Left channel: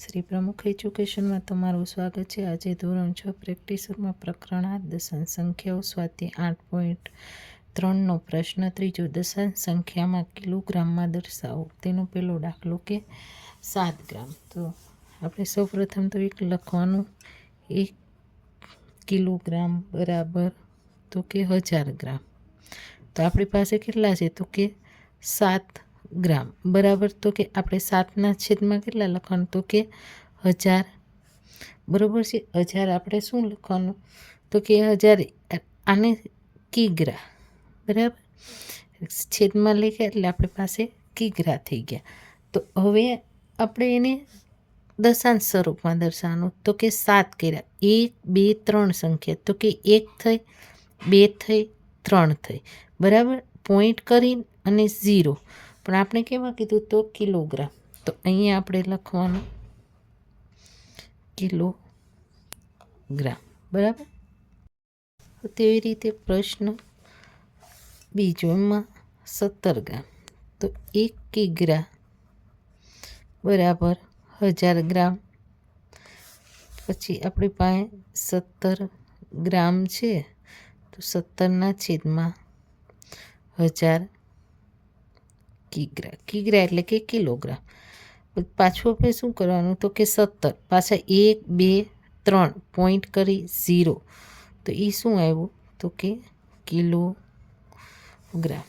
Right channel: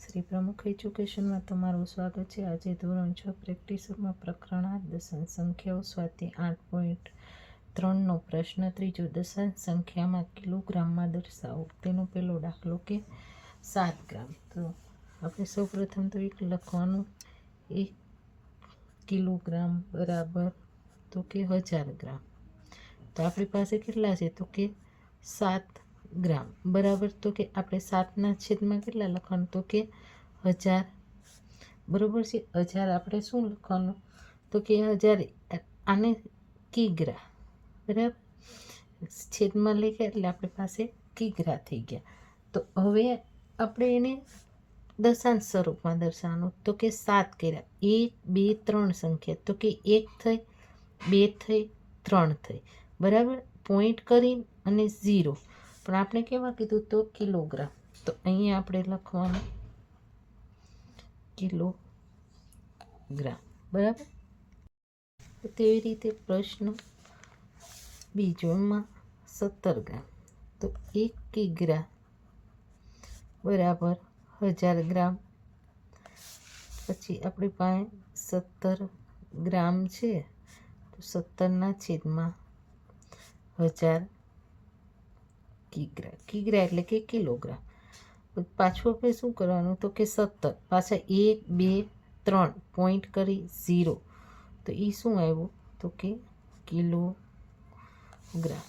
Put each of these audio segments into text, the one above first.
શ્રી પ્રમુખ એજ્યુકેશનમાં તમારું સ્વાગત છે। આજે ધોરણ 6 પ્રેક્ટિસમાં પ્રકરણ 8 દશાંશ સંખ્યાઓ સ્વાધ્યાય 8.3નો પ્રશ્ન ત્રીજો, દશાંશ સંખ્યામાં કિલોગ્રામમાં દર્શાવો। તેનો પહેલો દાખલો કે 7 ગ્રામ। તો આપણે સૌપ્રથમ તો એક લખવાનું, 1 કિલોગ્રામ બરાબર તો કે 1000 ગ્રામ। તો આપણી પાસે કેટલા છે તો કે 7 ગ્રામ બરાબર તો કે આપણે 7ના છેદમાં કેટલા લખવાનું તો કે 1000 બરાબર છે। 1000 આપણે શું લખવાનું તો કે 1000 આને કિગ્રા બરાબર છેદમાં લખ્યા એટલે આપણી પાસે કિગ્રા થઈ ગયા। તો હવે આપણે એને દશાંશ સ્વરૂપમાં દર્શાવવાનું તો કે 7 કર્યા, 1 2 3 સંખ્યા તો કે 1 થઈ, 2 થઈ, 3 થઈ બરાબર, પોઈન્ટ કરી અને 0, પણ આપણે કેવા કીધું તો કિલોગ્રામ। તો અહીંયા આપણે લખવાનું કિલોગ્રામ બરાબર। તેવી રીતે પ્રશ્ન બીજો, એમાં 17 ગ્રામ। તો 1 કિગ્રા બરાબર 1000 ગ્રામ। પછી આપણી પાસે 17 ગ્રામ છે તો 17ના છેદમાં 1000 કિગ્રા, કિગ્રા એટલે કે કિલોગ્રામ। પાછું આપણે શું કરવાનું તો કે 17 પાછા 1 2 3 પોઈન્ટ કરી 0, તો એ શું આવ્યું તો કે કિલોગ્રામ।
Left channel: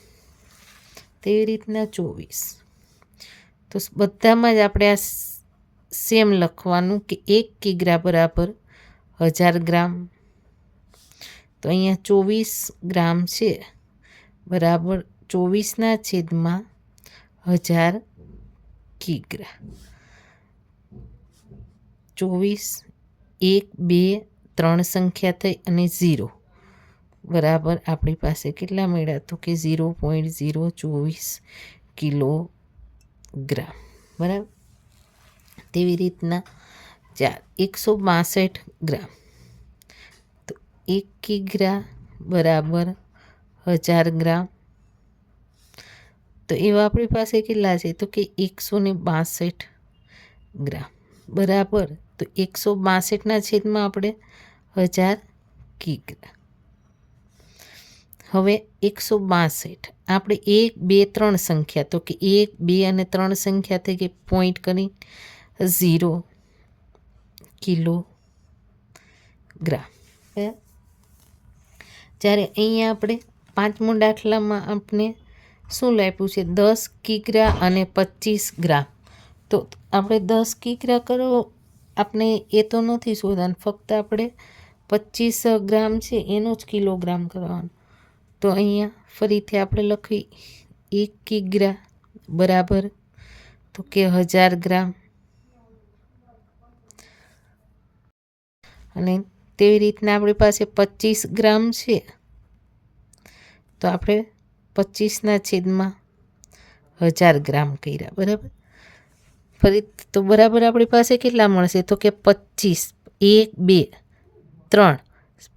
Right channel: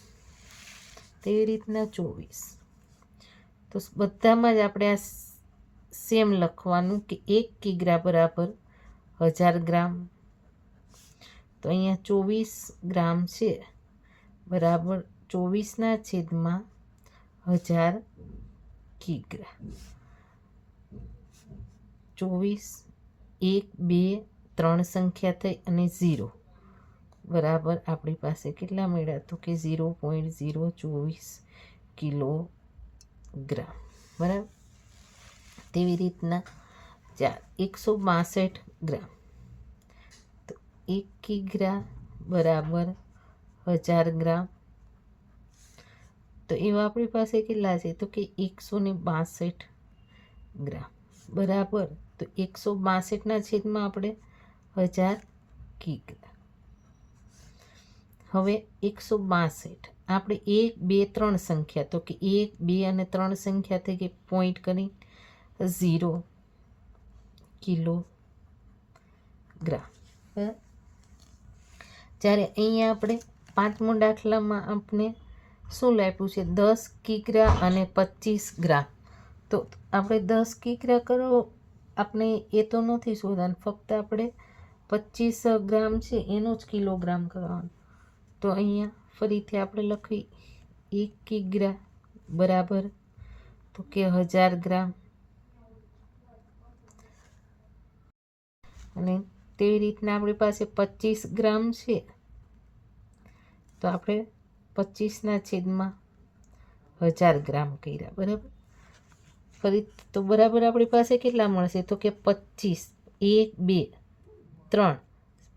તેવી રીતના 24, તો બધામાં જ આપણે આ સેમ લખવાનું કે 1 કિગ્રા બરાબર 1000 ગ્રામ। તો અહીંયા 24 ગ્રામ છે બરાબર 24ના છેદમાં 1000 કિગ્રા। 24 1 2 3 સંખ્યા થઈ અને 0 બરાબર આપણી પાસે કેટલા મળ્યા તો કે 0.024 કિલોગ્રામ બરાબર। તેવી રીતના 162 ગ્રામ। તો 1 કિગ્રા બરાબર 1000 ગ્રામ। તો એવા આપણી પાસે કેટલા છે તો કે 162 ગ્રામ બરાબર, તો 162ના છેદમાં આપણે 1000 કિગ્રા। હવે 162 આપણે 1 2 3 સંખ્યા તો કે 1 2 અને 3 સંખ્યા થઈ ગઈ, પોઈન્ટ કરી 0 કિલોગ્રામ। જ્યારે અહીંયા આપણે પાંચમો દાખલામાં આપણે શું લાપ્યું છે 10 કિગ્રા અને 25 ગ્રામ। તો આપણે 10 કિગ્રા કરો, આપણે એ તો નથી શોધવાનું, ફક્ત આપણે 25 ગ્રામ છે એનો જ કિલોગ્રામ કરવાનો। તો અહીંયા ફરીથી આપણે લખી 1 કિગ્રા બરાબર તો કે 1000 ગ્રામ, અને તેવી રીતના આપણી પાસે 25 ગ્રામ છે તો આપણે 25ના છેદમાં 1000 ગ્રામ કર્યા બરાબર। ફરી તો બરાબર આપણી પાસે કેટલા મળશે તો કે 25 1 2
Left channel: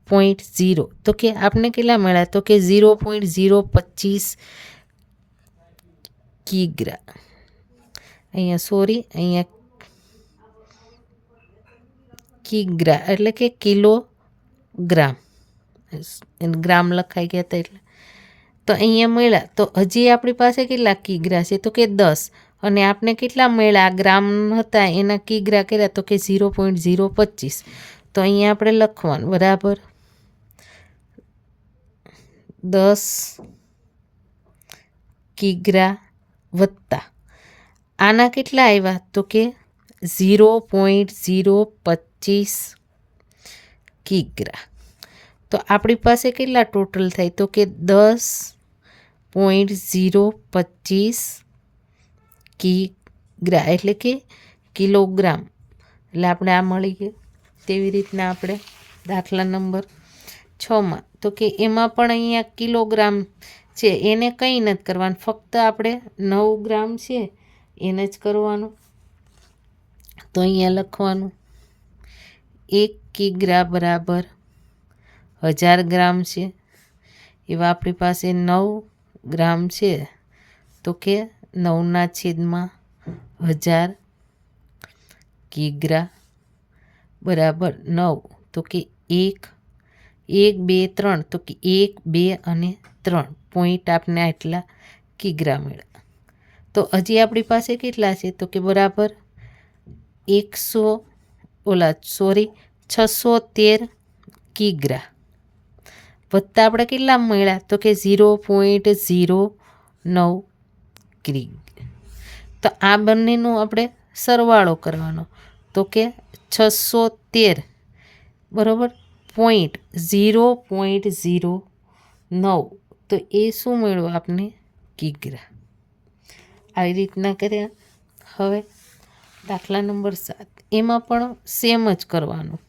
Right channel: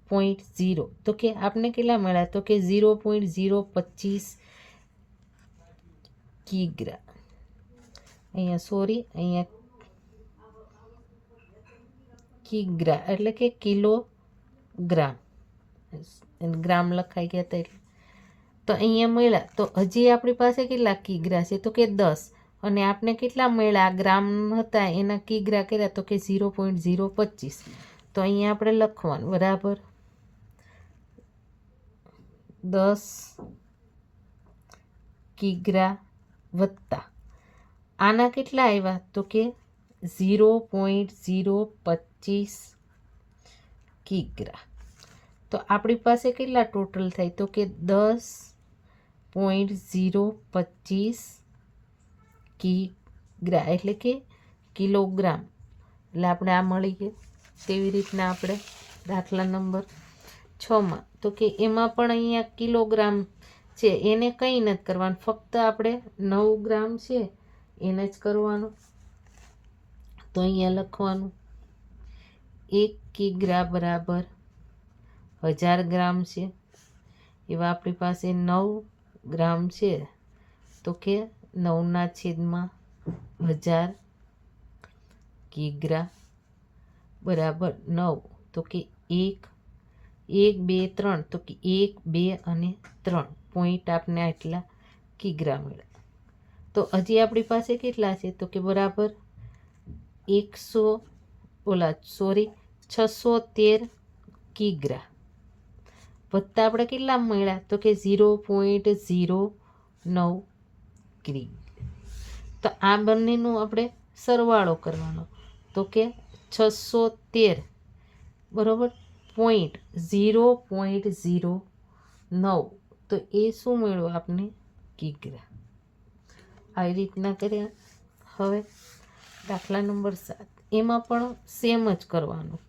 3 0, તો કે આપણે કેટલા મળ્યા તો કે 0.025 કિગ્રા। અહીંયા સોરી, અહીંયા કિગ્રા એટલે કે કિલોગ્રામ, ગ્રામ લખાઈ ગયા હતા એટલે। તો અહીંયા મળ્યા તો હજી આપણી પાસે કેટલા કિગ્રા છે તો કે 10, અને આપણે કેટલા મળ્યા ગ્રામ હતા એના કિગ્રા કર્યા તો કે 0.025। તો અહીંયા આપણે લખવાનું બરાબર 10 કિગ્રા વત્તા આના કેટલા આવ્યા તો કે 0.025 કિગ્રા। તો આપણી પાસે કેટલા ટોટલ થાય તો કે 10.025 કિગ્રા એટલે કે કિલોગ્રામ, એટલે આપણે આ મળી ગયું। તેવી રીતના આપણે દાખલા નંબર 6માં તો કે એમાં પણ અહીંયા કિલોગ્રામ છે, એને કંઈ નથી કરવાનું, ફક્ત આપણે 9 ગ્રામ છે એને જ કરવાનું। તો અહીંયા લખવાનું 1 કિગ્રા બરાબર 1000 ગ્રામ છે, એવા આપણી પાસે 9 ગ્રામ છે તો કે 9ના છેદમાં 1000 કિગ્રા બરાબર 9, તો કે 1 1 2 3, તો કે 1 2 અને 3 પોઈન્ટ આપને આટલા કિગ્રા મળ્યા. તો હજી આપણી પાસે કેટલા છે? તો કે બરાબર 613 કિગ્રા વત્તા આપણે કેટલા મળ્યા? તો કે 0.09 કિગ્રા. તો આ બંનેનો આપણે સરવાળો કરવાનો. તો કે 613 બરાબર 0.09, તો એ શું મળ્યું આપને? કિગ્રા. આવી રીતના કર્યા. હવે દાખલા નંબર 7, એમાં પણ સેમ જ કરવાનું.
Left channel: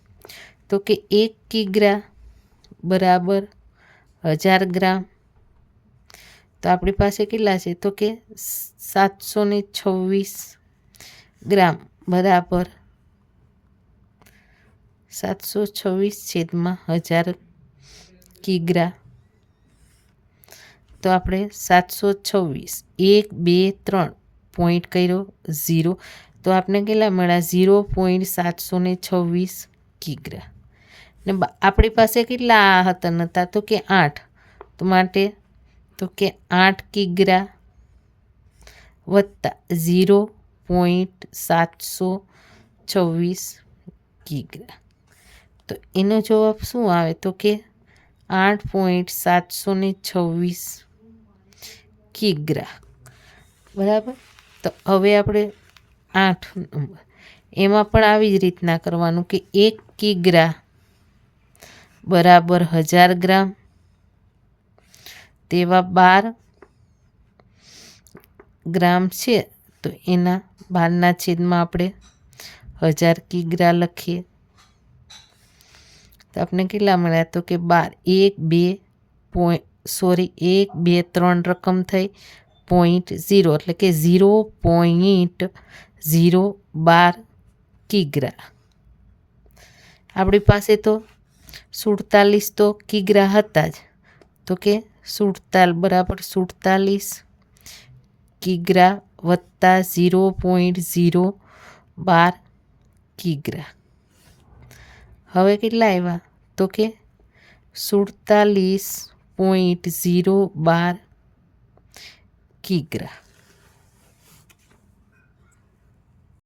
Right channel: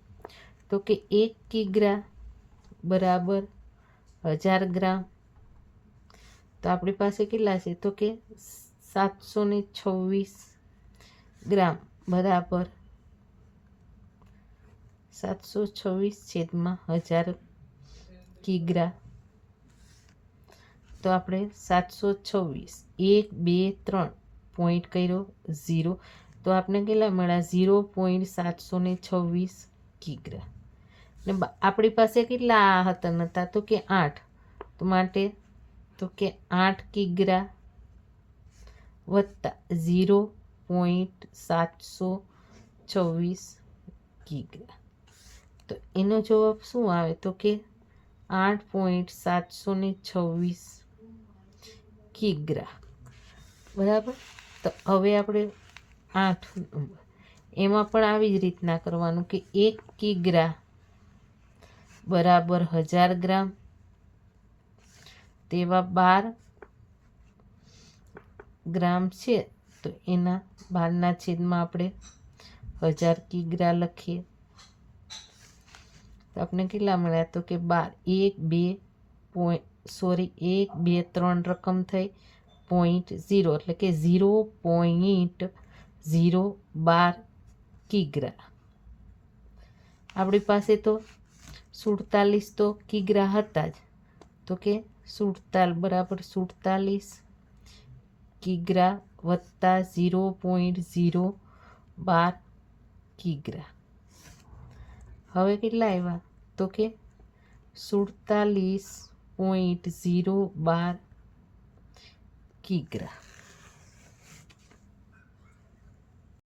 તો કે 1 કિગ્રા બરાબર 1000 ગ્રામ. તો આપણી પાસે કેટલા છે? તો કે 726 ગ્રામ બરાબર 726/1000 કિગ્રા. તો આપણે 726 1 2 3 પોઈન્ટ કર્યો 0, તો આપણે કેટલા મળ્યા? 0.726 કિગ્રા. ને આપણી પાસે કેટલા હતા? તો કે 8, તો માટે તો કે 8 કિગ્રા વત્તા 0.726 કિગ્રા. તો એનો જવાબ શું આવે? તો કે 8.726 કિગ્રા બરાબર. તો હવે આપણે 8 નંબર, એમાં પણ આવી જ રીતના કરવાનું કે 1 કિગ્રા બરાબર 1000 ગ્રામ, તેવા 12 ગ્રામ છે, તો એના 12ના છેદમાં આપણે 1000 કિગ્રા લખીએ. તો આપણે કેટલા મળ્યા? તો કે 12 1 2 3 રકમ થઈ 0.0, એટલે કે 0.012 કિગ્રા. આપણી પાસે તો 47 તો કિગ્રા હતા જ, તો કે 47 બરાબર 47 કિગ્રા વત્તા 0.012 કિગ્રા. હવે કેટલા આવ્યા? તો કે 47.012 કિગ્રા.